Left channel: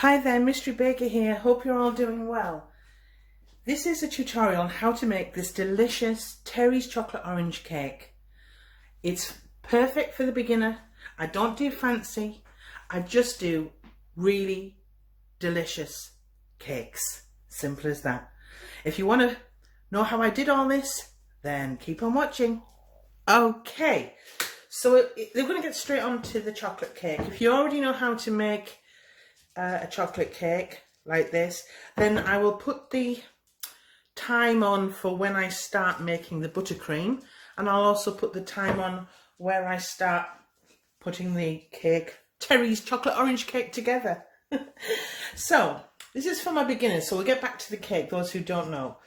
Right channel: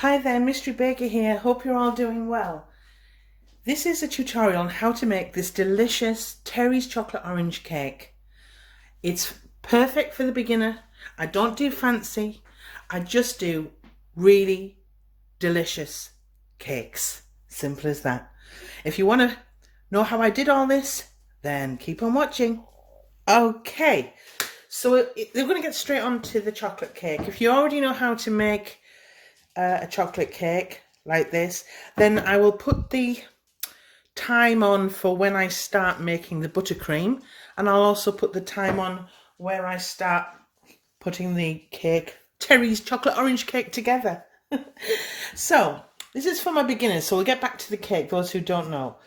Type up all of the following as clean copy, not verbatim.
Hi there, Mystery Baker here. Hope you're all doing well. This is a tutorial on how to make this delicious Terry's chocolate orange cake. It's perfect for the beginner. I don't do fancy. I just do really delicious cakes. Simple as that. If you want to know how I did all this, then keep on watching. Okay, so we're going to get straight on to the chocolate cake. If you already know how to make a chocolate cake like this, then I will put the time on for when I start making the buttercream, and I'll also put the time on where I start putting the cake, Terry's chocolate orange cake, together. So this is for my beginners, so we'll get back to the cake, those who don't know.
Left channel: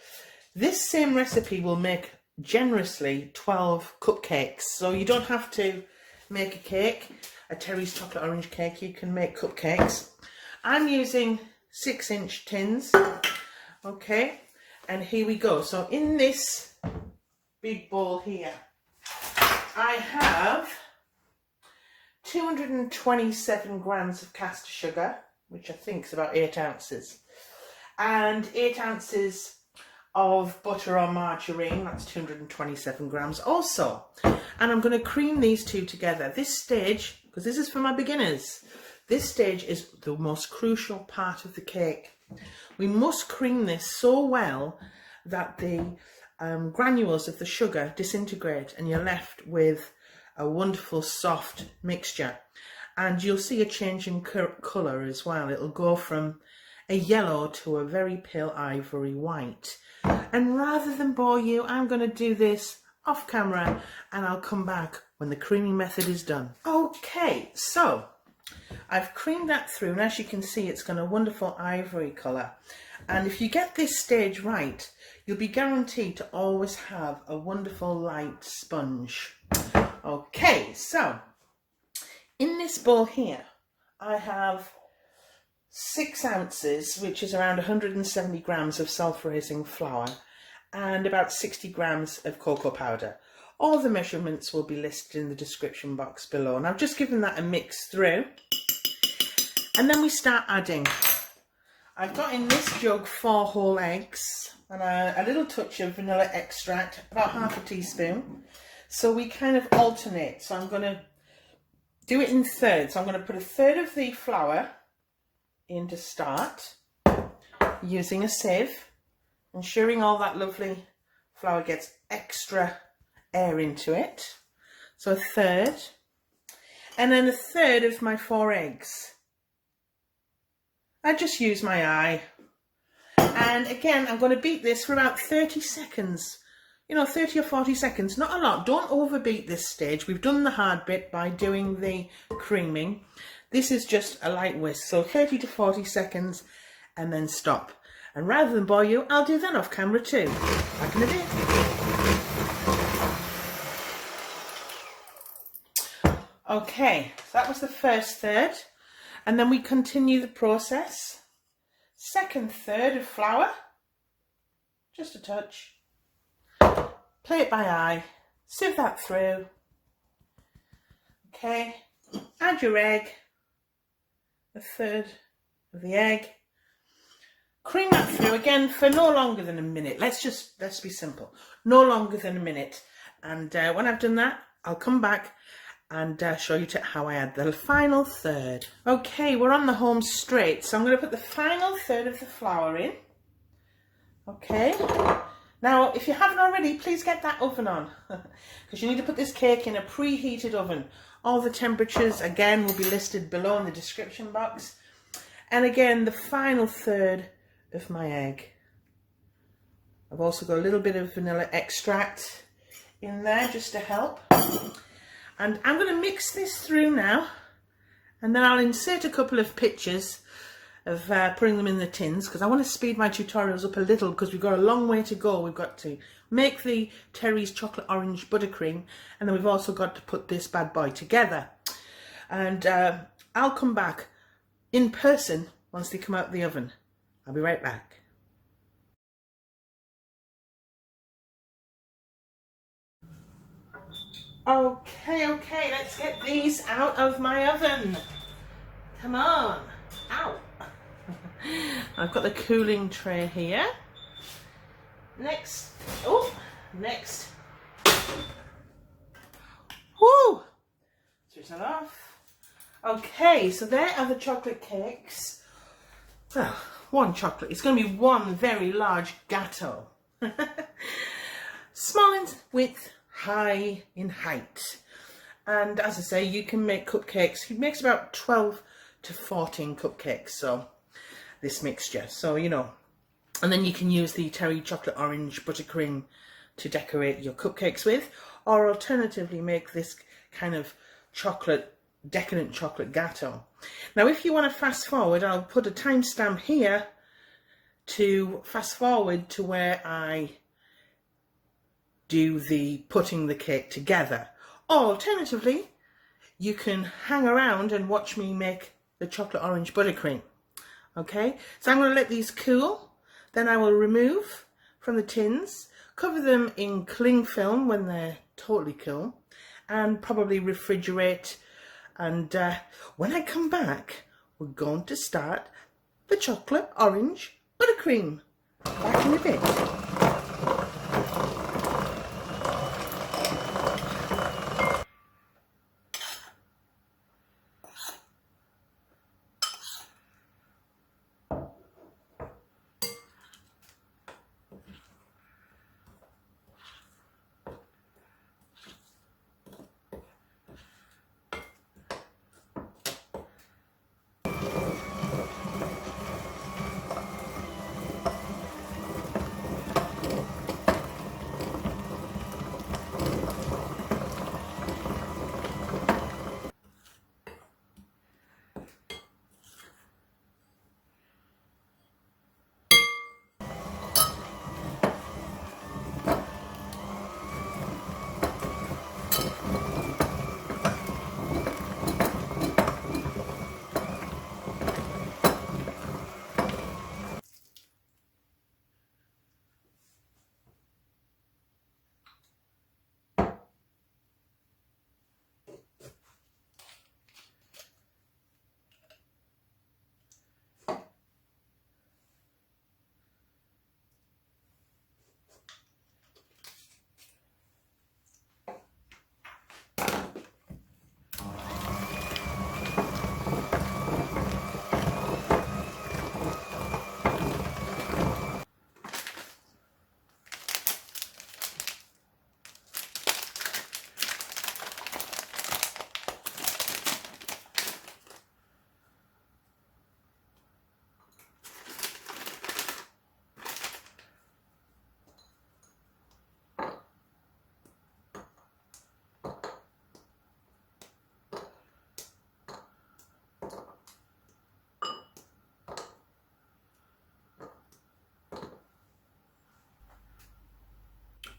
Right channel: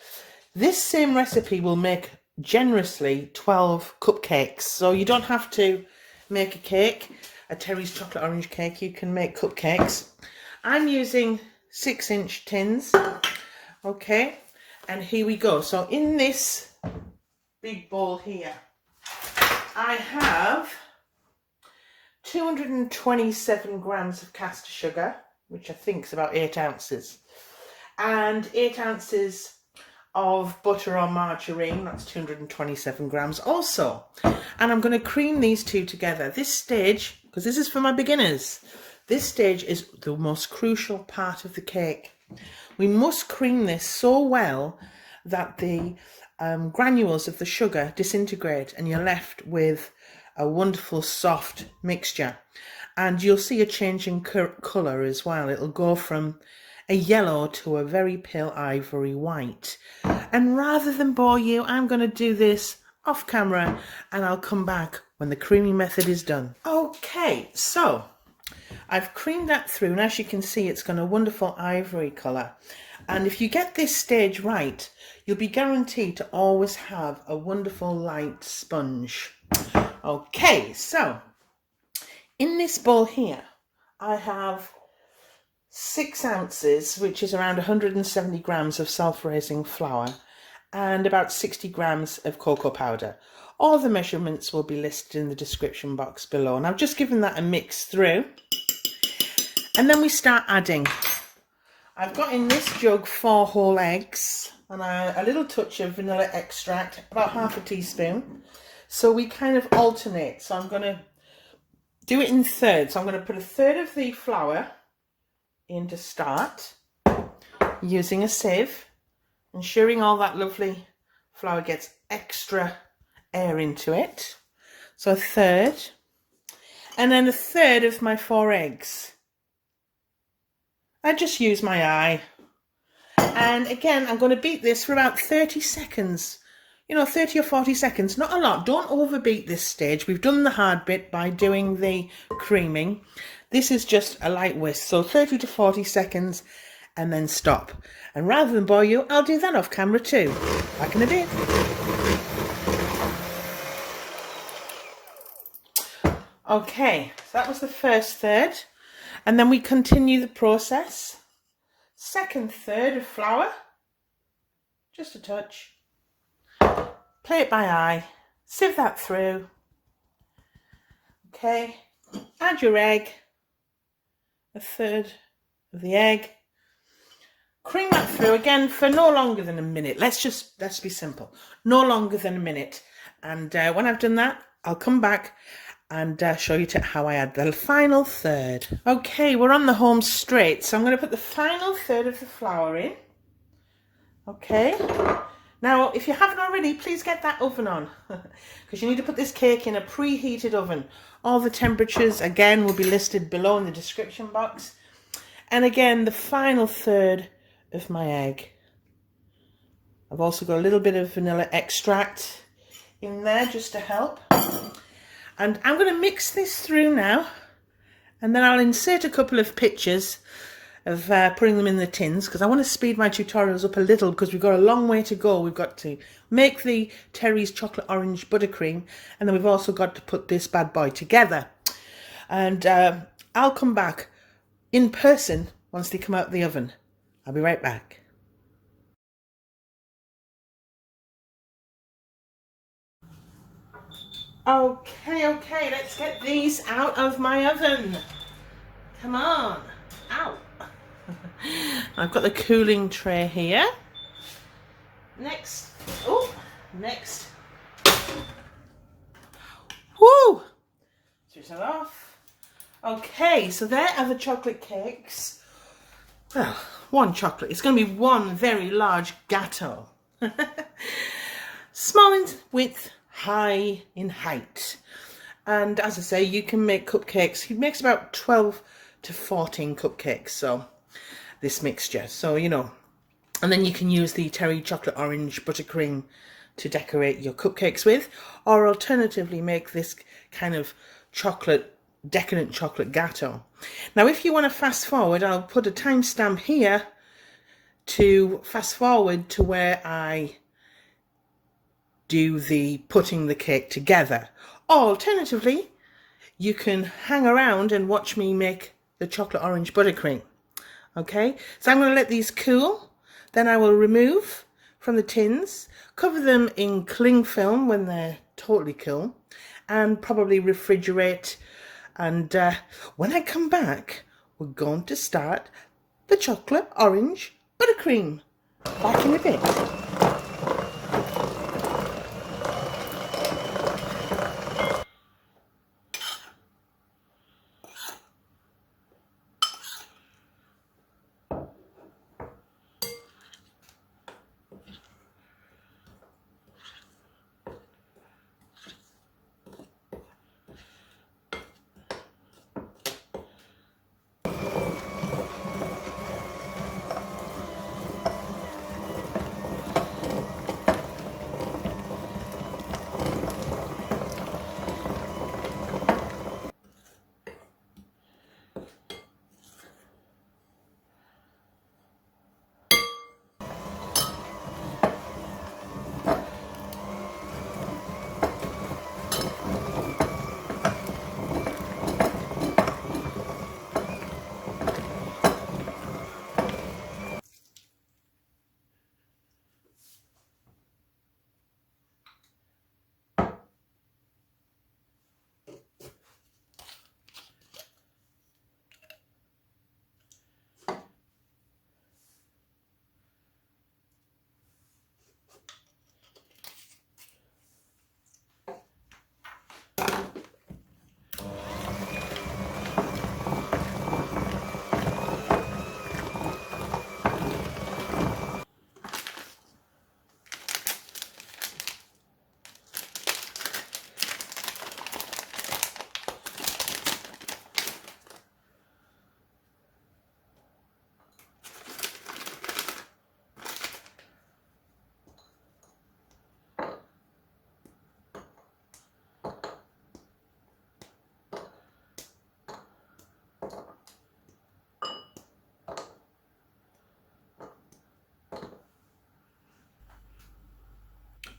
This same recipe will make generously 12 cupcakes, so you don't have to make a cake, a Terry's chocolate orange cake. You can make cupcakes. I'm using 6-inch tins, okay, and here we go. So in this big bowl here, I have 227 grams of caster sugar, which I think is about 8 ounces, and 8 ounces of butter or margarine, that's 227 grams also. And I'm going to cream these two together. This stage, because this is for my beginners, this stage is the most crucial part of the cake. We must cream this so well that the granules of the sugar disintegrate and you're left with a wonderful soft mixture. And you'll see a change in colour as well. It'll go from a yellow to a very pale ivory white. And rather than bore you, I'm going to do this off camera and I'll come back when the creaming method is done. Okay, so I've creamed that through, and as you can see, it's got a wonderful ivory colour. And if you get this stage right, you'll be guaranteed to always have a wonderful light sponge. Okay, so in this bowl here, I have 6 ounces, which is around 170 grams of self-raising flour, and about 60 grams of cocoa powder. All the measurements will be listed in the description box below, and I've just given that a mix through. And then we start adding. I've got in this jug 4 whole eggs and a little touch of vanilla extract, about half a teaspoon. So we kind of alternate. So I'm going to do it in thirds. So I'm going to put a third of the flour in to start, using a sieve, ensuring all that lovely flour gets extra air into it. So a third, and then a third of my 4 eggs. I just use my eye, and again I'm going to beat this for about 30 seconds, 30 or 40 seconds, not a lot. Don't overbeat this stage. We've done the hard bit by doing the creaming. This is just a light whisk, so 30 to 40 seconds and then stop. And rather than bore you, I'll do that off camera too. Back in a bit. Okay, so that was the first third. And then we continue the process. Second third of flour, just a touch. Play it by eye, sieve that through. Okay, add your egg, a third of the egg. Cream that through again for no longer than a minute. Let's be simple. No longer than a minute. And when I've done that, I'll come back and show you how I add the final third. Okay, we're on the home straight, so I'm going to put the final third of the flour in. Okay, now if you haven't already, please get that oven on, because you need to put this cake in a preheated oven. All the temperatures, again, will be listed below in the description box. And again, the final third of my egg. I've also got a little bit of vanilla extract in there just to help. And I'm going to mix this through now, and then I'll insert a couple of pictures of putting them in the tins, because I want to speed my tutorials up a little, because we've got a long way to go. We've got to make the Terry's chocolate orange buttercream, and then we've also got to put this bad boy together. And I'll come back in person once they come out of the oven. I'll be right back. Okay, let's get these out of my oven. Come on. Ow. I've got the cooling tray here. Next, next. Woo! Switch that off. Okay, so there are the chocolate cakes. Well, one chocolate. It's going to be one very large gâteau. Small in width, high in height. And as I say, you can make cupcakes. He makes about 12 to 14 cupcakes, so this mixture. So, you know, and then you can use the terry chocolate orange buttercream to decorate your cupcakes with, or alternatively make this kind of decadent chocolate gâteau. Now, if you want to fast forward, I'll put a timestamp here to fast forward to where I do the putting the cake together. Or alternatively, you can hang around and watch me make the chocolate orange buttercream. Okay, so I'm going to let these cool. Then I will remove from the tins, cover them in cling film when they're totally cool, and probably refrigerate. And when I come back, we're going to start the chocolate orange buttercream. Back in a bit.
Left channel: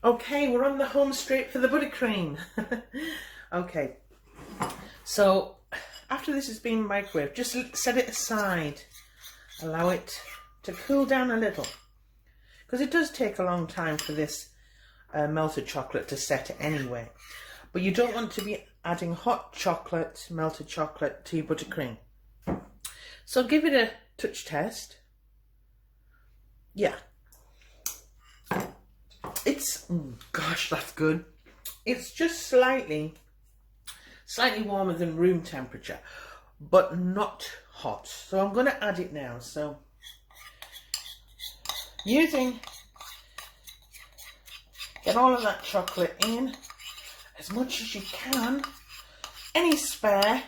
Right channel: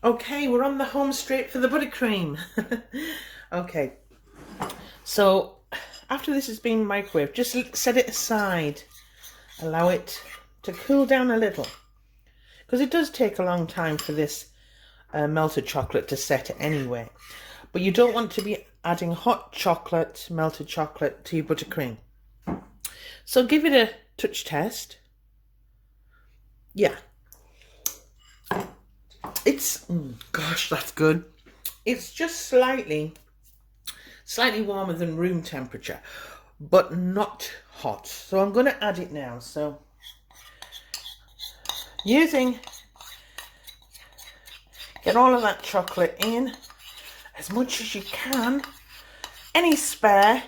Okay, we're on the home straight for the buttercream. Okay, so after this has been microwaved, just set it aside. Allow it to cool down a little, because it does take a long time for this melted chocolate to set anyway. But you don't want to be adding hot chocolate, melted chocolate to your buttercream. So give it a touch test. Yeah. It's, gosh, that's good. It's just slightly warmer than room temperature, but not hot. So I'm going to add it now. So get all of that chocolate in as much as you can. Any spare,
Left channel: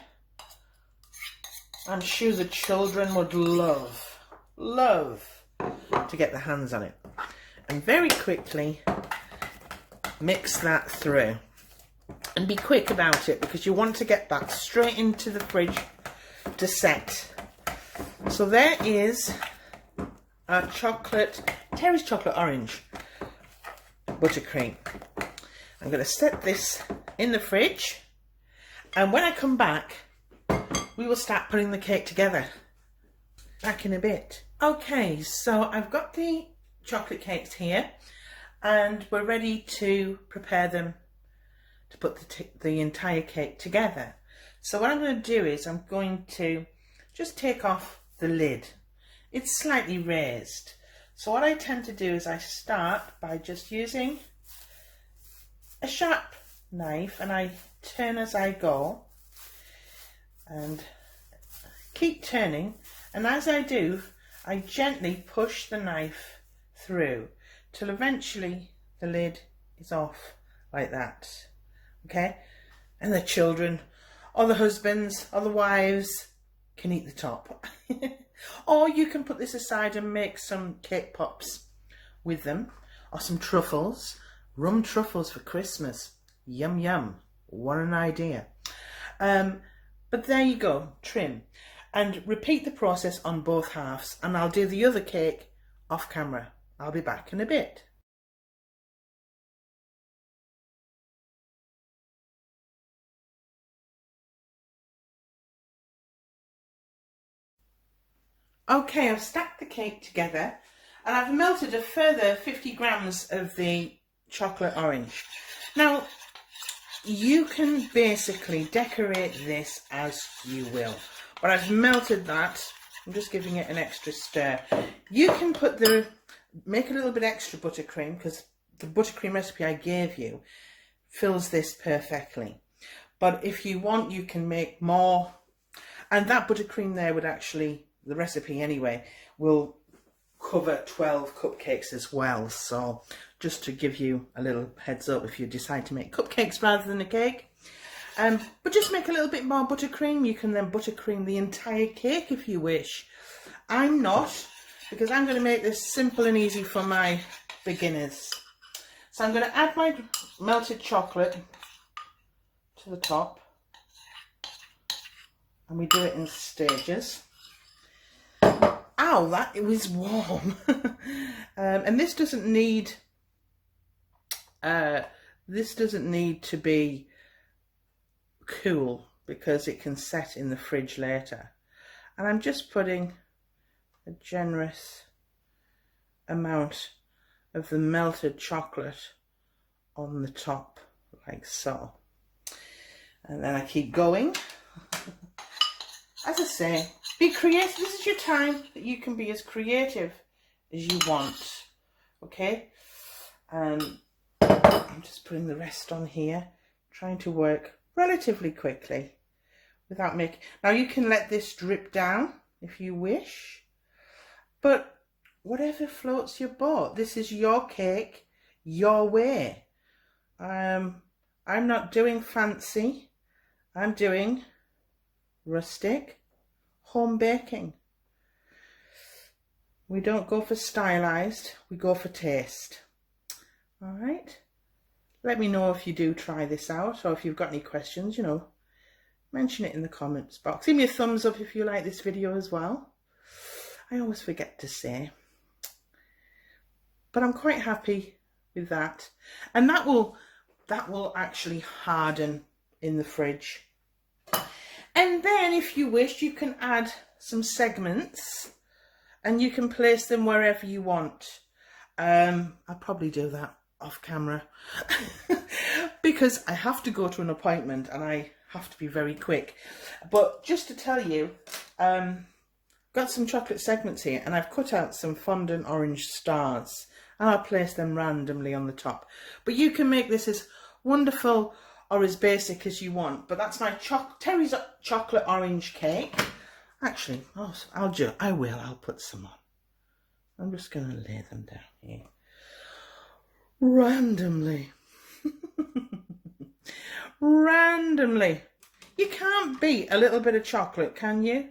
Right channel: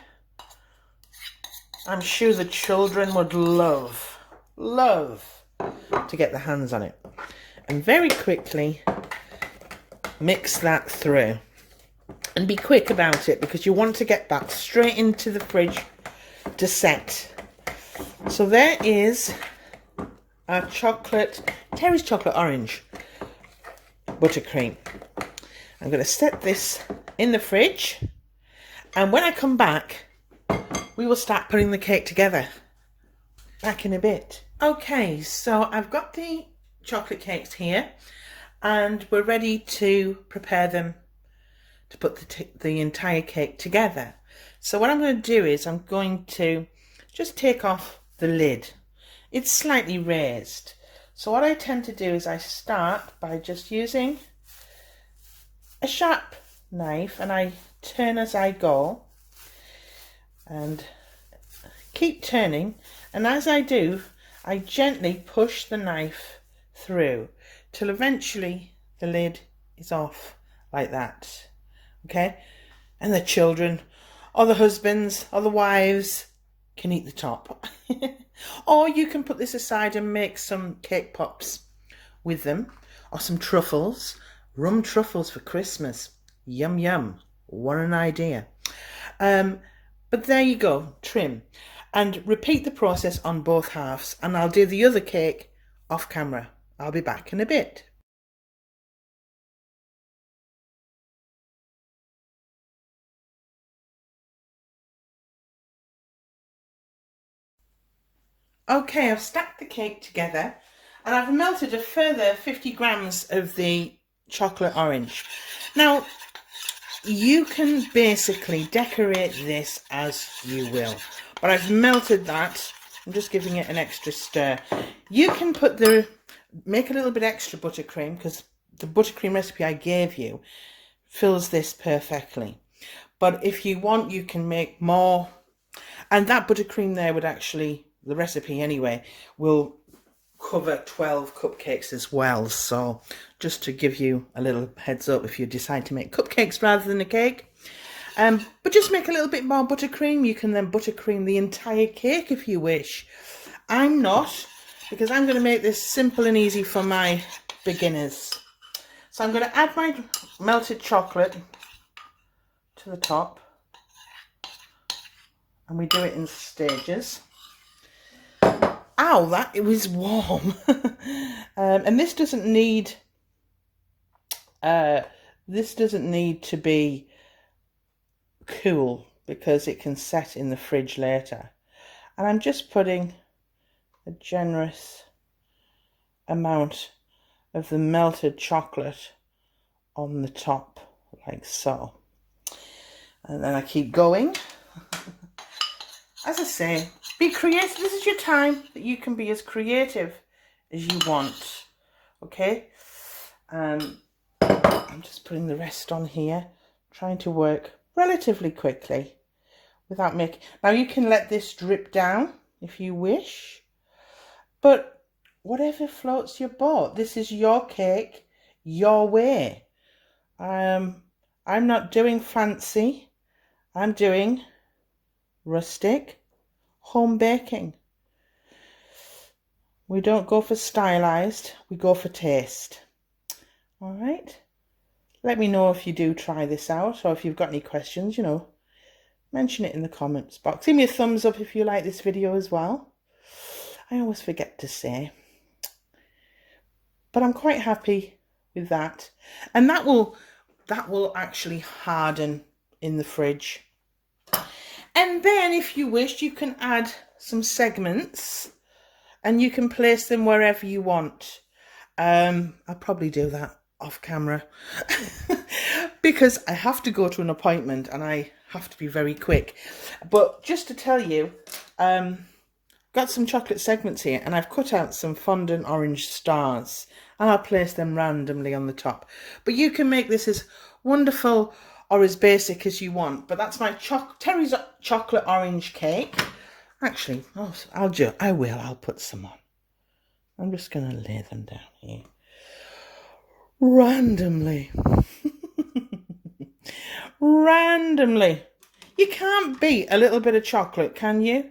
I'm sure the children would love to get their hands on it. And very quickly mix that through. And be quick about it, because you want to get that straight into the fridge to set. So there is our Terry's chocolate orange buttercream. I'm going to set this in the fridge, and when I come back, we will start putting the cake together. Back in a bit. Okay, so I've got the chocolate cakes here, and we're ready to prepare them to put the entire cake together. So what I'm going to do is I'm going to just take off the lid, it's slightly raised. So what I tend to do is I start by just using a sharp knife, and I turn as I go and keep turning, and as I do I gently push the knife through till eventually the lid is off like that. Okay, and the children or the husbands or the wives can eat the top. Or you can put this aside and make some cake pops with them, or some truffles, rum truffles for Christmas. Yum yum, what an idea. But there you go, trim. And repeat the process on both halves, and I'll do the other cake off camera. I'll be back in a bit. Okay, I've stacked the cake together and I've melted a further 50 grams of the chocolate orange. Now, you can basically decorate this as you will, but I've melted that. I'm just giving it an extra stir. You can make a little bit extra buttercream, because the buttercream recipe I gave you fills this perfectly. But if you want, you can make more. And that buttercream there would actually, the recipe anyway, will cover 12 cupcakes as well. So just to give you a little heads up if you decide to make cupcakes rather than a cake. But just make a little bit more buttercream. You can then buttercream the entire cake if you wish. I'm not, because I'm going to make this simple and easy for my beginners. So I'm going to add my melted chocolate to the top, and we do it in stages. Ow, that it was warm. And this doesn't need to be cool, because it can set in the fridge later. And I'm just putting a generous amount of the melted chocolate on the top, like so. And then I keep going. As I say, be creative. This is your time that you can be as creative as you want. Okay? I'm just putting the rest on here, trying to work relatively quickly without making... Now you can let this drip down if you wish, but whatever floats your boat. This is your cake, your way. I'm not doing fancy. I'm doing rustic home baking. We don't go for stylized, we go for taste. All right, let me know if you do try this out, or if you've got any questions, you know, mention it in the comments box. Give me a thumbs up if you like this video as well. I always forget to say, but I'm quite happy with that. And that will actually harden in the fridge. And then if you wish, you can add some segments and you can place them wherever you want. I'll probably do that off camera because I have to go to an appointment and I have to be very quick. But just to tell you, got some chocolate segments here, and I've cut out some fondant orange stars and I'll place them randomly on the top. But you can make this as wonderful or as basic as you want. But that's my Terry's chocolate orange cake. Actually, I'll put some on. I'm just going to lay them down here randomly. Randomly. You can't beat a little bit of chocolate, can you?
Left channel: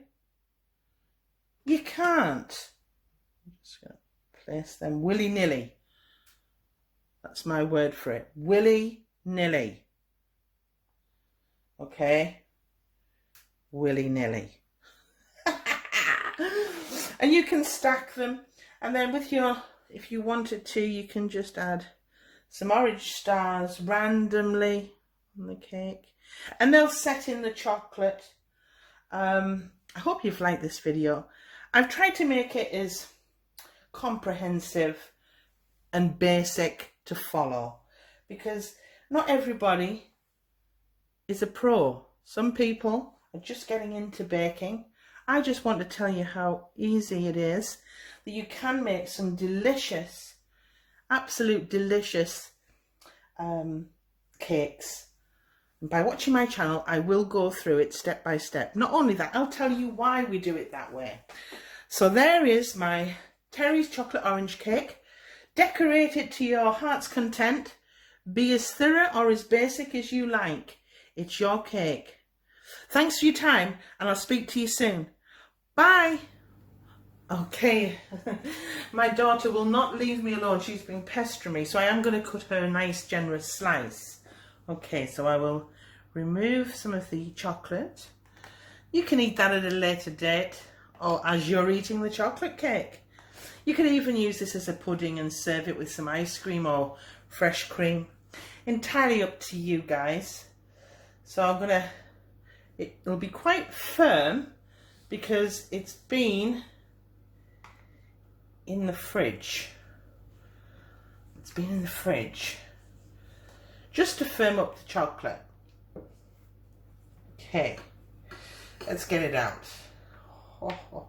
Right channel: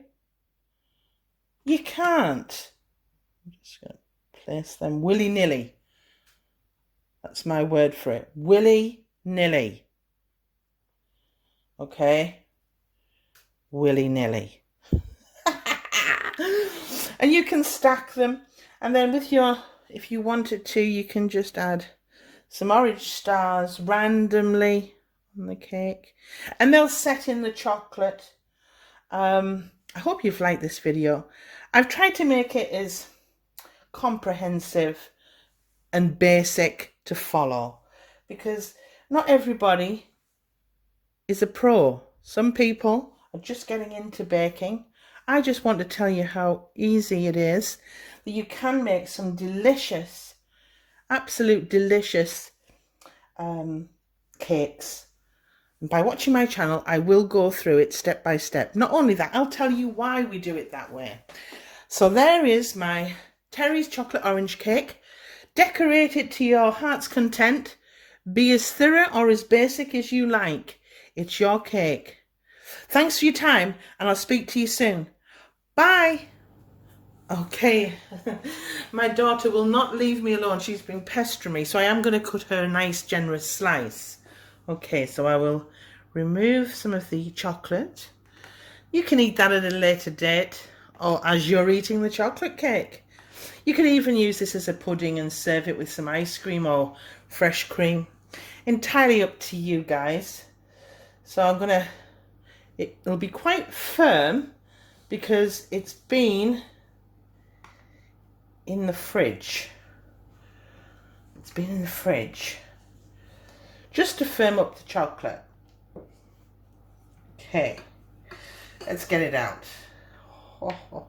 You can't. I'm just going to place them willy-nilly. That's my word for it. Willy-nilly. Okay? Willy-nilly. And you can stack them, and then with your, if you wanted to, you can just add some orange stars randomly on the cake, and they'll set in the chocolate. I hope you've liked this video. I've tried to make it as comprehensive and basic to follow, because not everybody is a pro. Some people are just getting into baking I just want to tell you how easy it is, that you can make some delicious, absolute delicious cakes. And by watching my channel, I will go through it step by step. Not only that, I'll tell you why we do it that way. So there is my Terry's chocolate orange cake. Decorate it to your heart's content. Be as thorough or as basic as you like. It's your cake. Thanks for your time, and I'll speak to you soon. Bye. Okay, my daughter will not leave me alone. She's been pestering me, so I am going to cut her a nice generous slice. Okay, so I will remove some of the chocolate. You can eat that at a later date, or as you're eating the chocolate cake. You can even use this as a pudding and serve it with some ice cream or fresh cream. Entirely up to you guys. So I'm gonna, it'll be quite firm because it's been in the fridge. It's been in the fridge just to firm up the chocolate. Okay, let's get it out. Oh.